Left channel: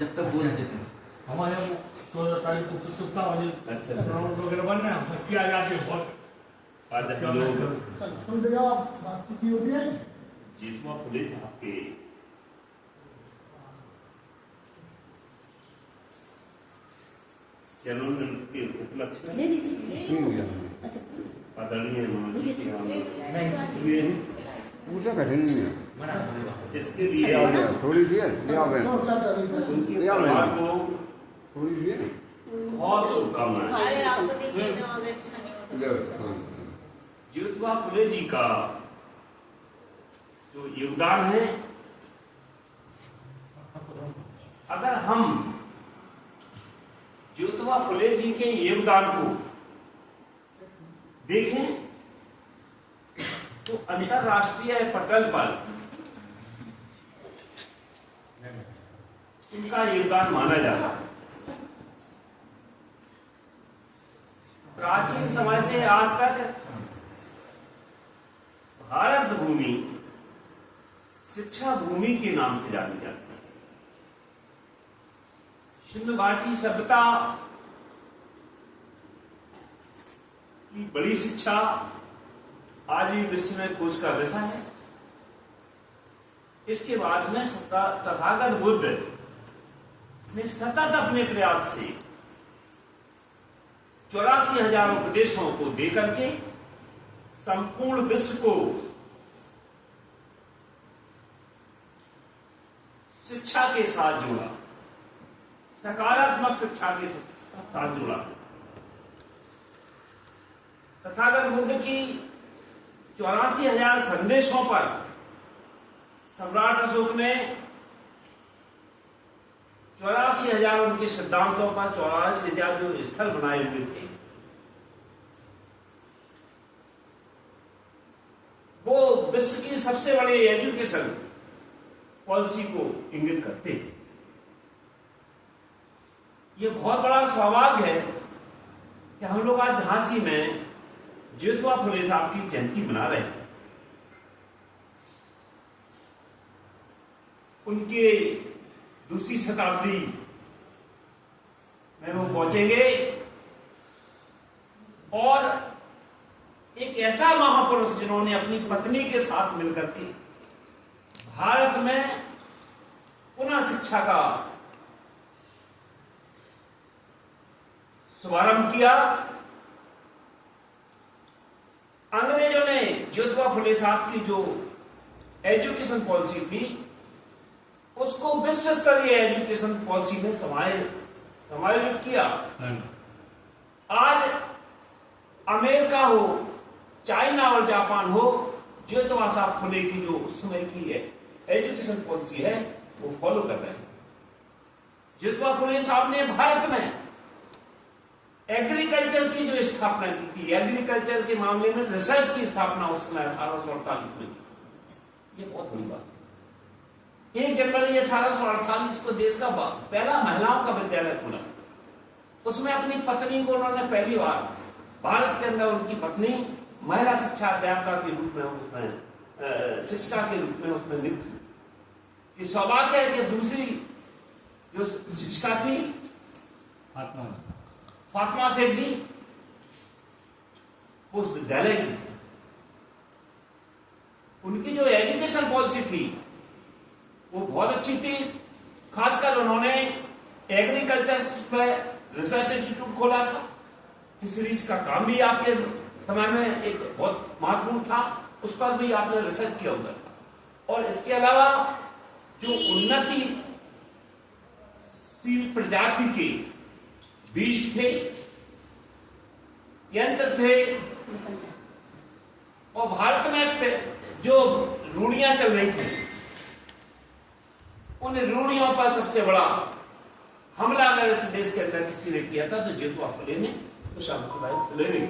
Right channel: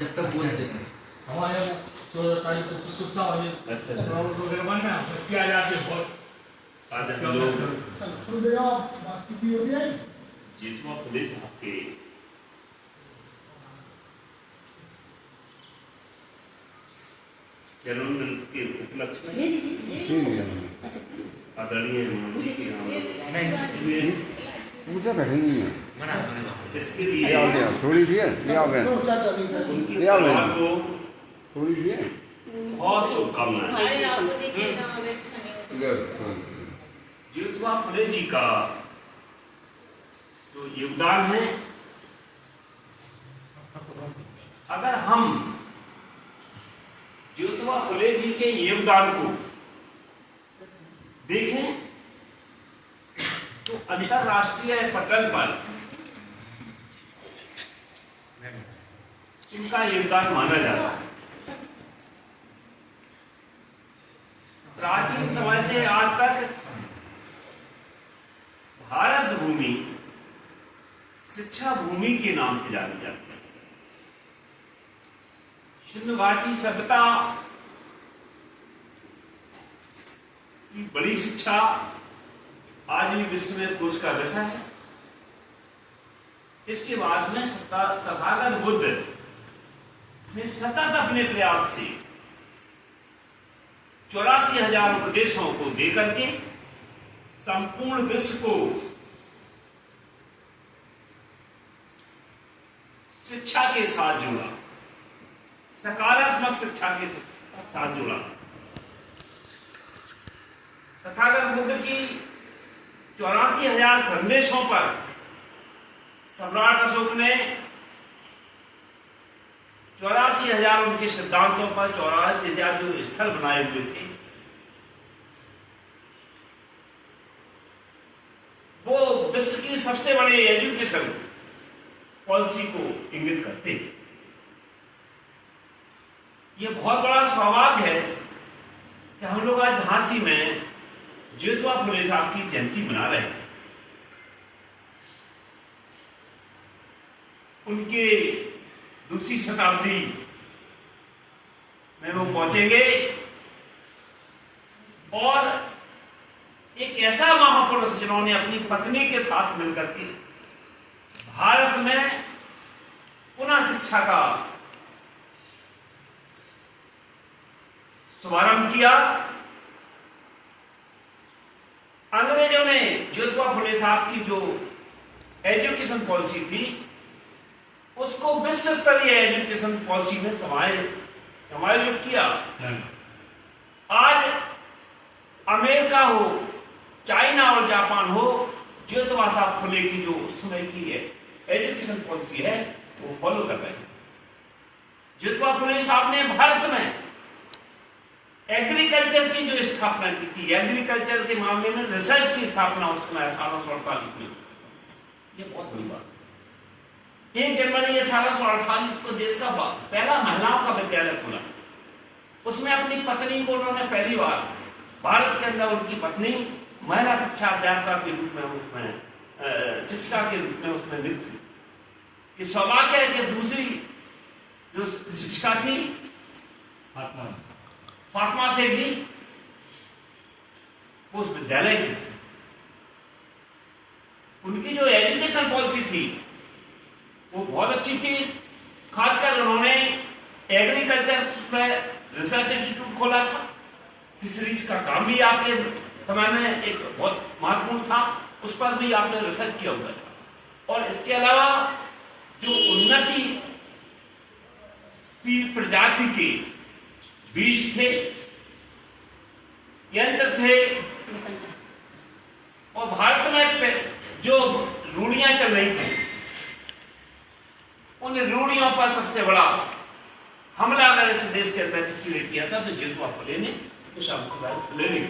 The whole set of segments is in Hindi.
जब तक बोलते थे हमारे यहाँ 14 तारीख को कुत्ता वाले वगैरह बनना है किया जाते बहुत आज हम लोग सुन रहे हो बातचीत भी होती है जीतवा पुलिस आपके जन्मदिन के उपलक्ष्य में आदरणीय महामंत्री के यहाँ हुए हैं। पूजा करेंगे इसके लिए थोड़ी सी उनके परिवार को थोड़ी सी बहुत शुभकामनाएं। जीतवा फुले जी का जो योगदान है, अगर हम ज्योतिबा फुले जी के योगदान को देखें तो अंतरराष्ट्रीय पटल पर इनका योगदान माना जाता है। प्राचीन समय से आज तक भारत भूमि शिक्षा भूमि के नाम से जानी जाती है। सिंधु घाटी सभ्यता की बड़ी शिक्षा आज भी विश्व में खोज का विषय है। इसके बाद में तथागत बुद्ध ने सतत अपने प्रयास से 84,000 उपदेशों को देकर के संपूर्ण विश्व को शिक्षा के साथ जोड़ा, सकारात्मक शिक्षा के साथ जोड़ा। तथागत बुद्ध की 84,000 संदेशों पर सम्राट अशोक ने 84,000 उनके सिद्धांतों पर 84,000 जो स्थल बनाए हुए थे, वो विश्व की सबसे बड़ी एजुकेशन पॉलिसी को इंगित करते हैं। ये बहुत बड़ा सौभाग्य है कि हम लोग आज झांसी में ज्योतिबा फुले साहब की जयंती मना रहे हैं। उनके दूसरी शताब्दी में वो पहुंचेंगे और एक ऐसा महापुरुष जिन्होंने अपनी पत्नी के साथ मिलकर के भारत में पुनः शिक्षा का शुभारंभ किया। अंग्रेजों ने ज्योतिबा फुले साहब की जो एजुकेशन पॉलिसी थी उसको विश्व स्तरीय एजुकेशन पॉलिसी में समायोजित किया। आज अमेरिका हो, चाइना और जापान हो, ज्योतिबा साहब फुले की जो उस समय की एजुकेशन पॉलिसी है वो फॉलो कर रहे हैं। ज्योतिबा फुले साहब ने भारत में एग्रीकल्चर की जो स्थापना की थी, एग्रीकल्चर के मामले में रिसर्च की स्थापना उस समय 1848 में, ये बहुत बड़ी बात। 1 जनवरी 1848 को देश का पहला महिलाओं का विद्यालय खुला। उसमें अपनी पत्नी को उन्होंने पहली बार भारत के अंदर उनकी पत्नी महिला शिक्षा अध्यापिका के रूप में उसमें शिक्षिका के रूप में उसमें नियुक्त हुई। ये सौभाग्य है कि दूसरी जो शिक्षिका थी फातिमा शेख जी, वो उस विद्यालय की थी। उनकी जो एजुकेशन पॉलिसी थी वो बहुत अच्छी थी। खासकर उन्होंने एग्रीकल्चर में रिसर्च इंस्टीट्यूट खोला था। फिशरीज का काम भी आपके समय में एक बहुत महत्वपूर्ण था, उस पर भी आपने रिसर्च किया हुआ था। और इसके अलावा जो उन्नतिशील प्रजाति के बीज थे, यंत्र थे, और भारत में जो रूढ़ियां चल रही थी उन रूढ़ियों पर सबसे बड़ा हमला अगर इस देश के अंदर किसी ने किया था तो ज्योतिबा फुले ने, तो सावित्रीबाई फुले ने।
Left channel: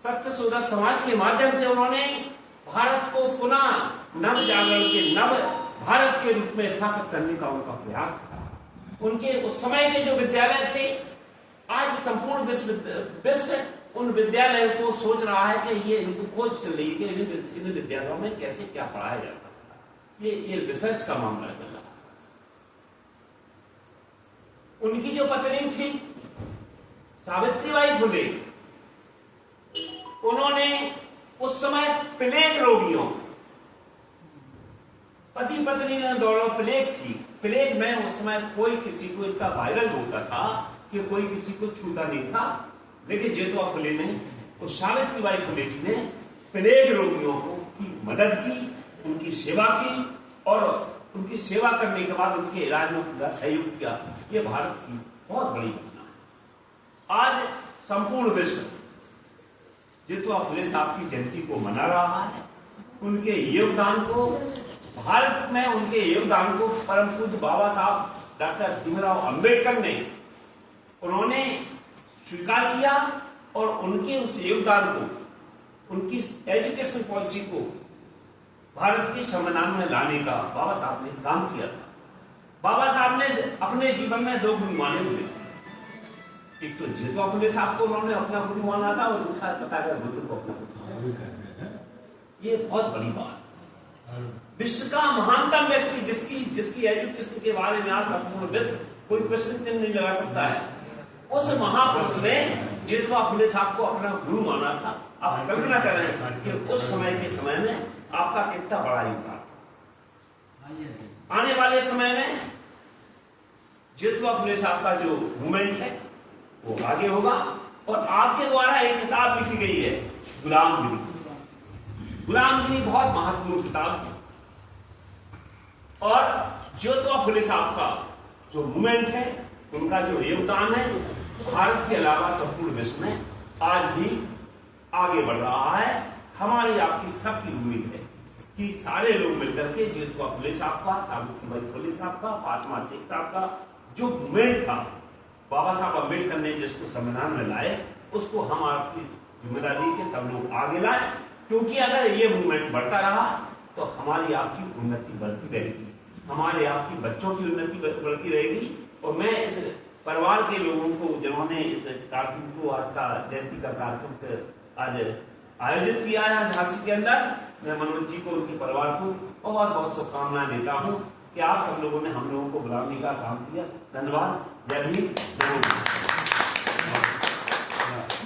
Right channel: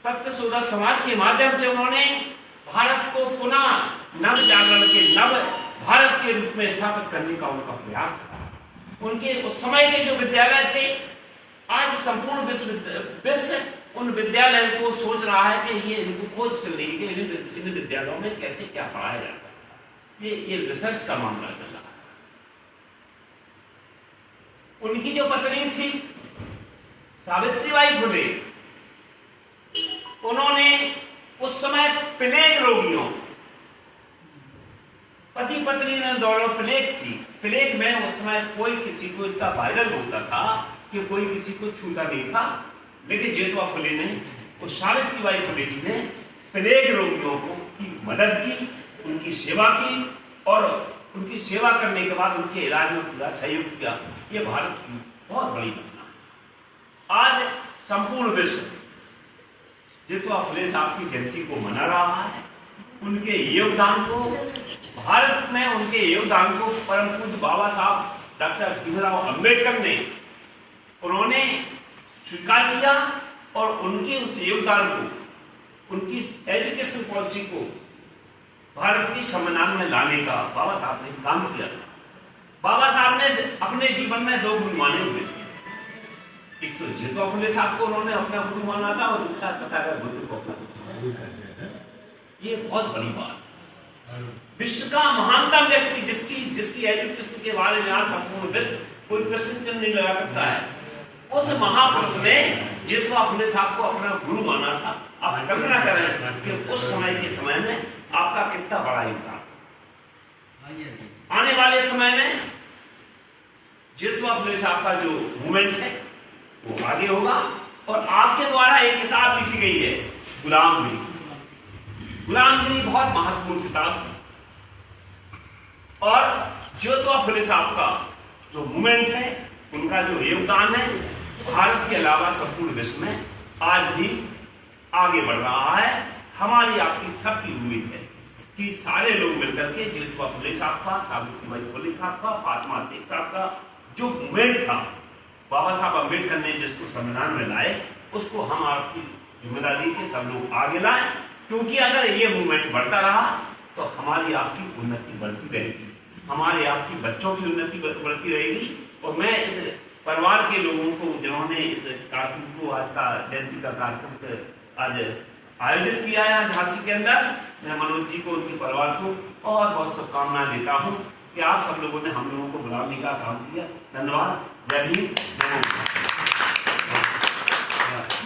सत्य शोधक समाज के माध्यम से उन्होंने भारत को पुनः नव जागरण के नव भारत के रूप में स्थापित करने का उनका प्रयास था। उनके उस समय के जो विद्यालय थे, आज संपूर्ण विश्व उन विद्यालयों को सोच रहा है कि ये इनको खोज चल रही है कि इन विद्यालयों में कैसे क्या पढ़ाया जाता है। ये रिसर्च का मामला चल रहा है। उनकी जो पत्नी थी सावित्रीबाई फुले, उन्होंने उस समय प्लेग रोगियों, पति पत्नी ने दोनों प्लेग थी। प्लेग में उस समय कोई किसी को इतना वायरल होता था कि कोई किसी को छूता नहीं था, लेकिन जेठवा फुले ने और सावित्रीबाई फुले जी ने प्लेग रोगियों को की मदद की, उनकी सेवा की और उनकी सेवा करने के बाद उनके इलाज में पूरा सहयोग किया। ये भारत की बहुत बड़ी घटना है। आज संपूर्ण विश्व जेठवा फुले साहब की जयंती को मना रहा है। उनके योगदान को, भारत में उनके योगदान को परम पूज्य बाबा साहब डॉक्टर भीमराव अंबेडकर ने उन्होंने स्वीकार किया और उनके उस योगदान को, उनकी एजुकेशन पॉलिसी को भारत की संविधान में लाने का बाबा साहब ने काम किया था। बाबा साहब ने अपने जीवन में दो गुरु माने हुए थे। एक तो जेठवा फुले साहब को उन्होंने अपना गुरु माना था और दूसरा तथागत बुद्ध को अपना गुरु माना। ये बहुत बड़ी बात। विश्व का महानतम व्यक्ति जिसकी एजुकेशन के बारे में आज संपूर्ण विश्व कोई प्रश्न नहीं लगा सकता है, उस महापुरुष ने जेठवा फुले साहब को अपना गुरु माना था। आप कल्पना करें कि उस समय के समय में आपका कितना बड़ा योगदान। आने वाले समय में जेठवा फुले साहब का जो मूवमेंट है वो आगे होगा और आपके द्वारा एक किताब लिखी गई है गुलामगिरी। गुलामगिरी बहुत महत्वपूर्ण किताब है और जेठवा फुले साहब का जो मूवमेंट है, उनका जो योगदान है, भारत के अलावा संपूर्ण विश्व में आज भी आगे बढ़ रहा है। हमारी आपकी सबकी उम्मीद है कि सारे लोग मिलकर के जेठवा फुले साहब का, सावित्रीबाई फुले साहब का, फातिमा शेख साहब का जो मूवमेंट था, बाबा साहब अम्बेडकर ने जिसको संविधान में लाए, उसको हम आपकी जिम्मेदारी के सब लोग आगे लाएं, क्योंकि अगर ये मूवमेंट बढ़ता रहा तो हमारी आपकी उन्नति बढ़ती रहेगी, हमारे आपकी बच्चों की उन्नति बढ़ती रहेगी। और मैं इस परिवार के लोगों को जिन्होंने इस कार्यक्रम को, आज का जयंती का कार्यक्रम आज आयोजित किया है झांसी के अंदर, मैं मनोज जी को, उनके परिवार को बहुत बहुत शुभकामनाएं देता हूं कि आप सब लोगों ने हम लोगों को बुलाने का काम किया। धन्यवाद। जय हिंद, जय भारत।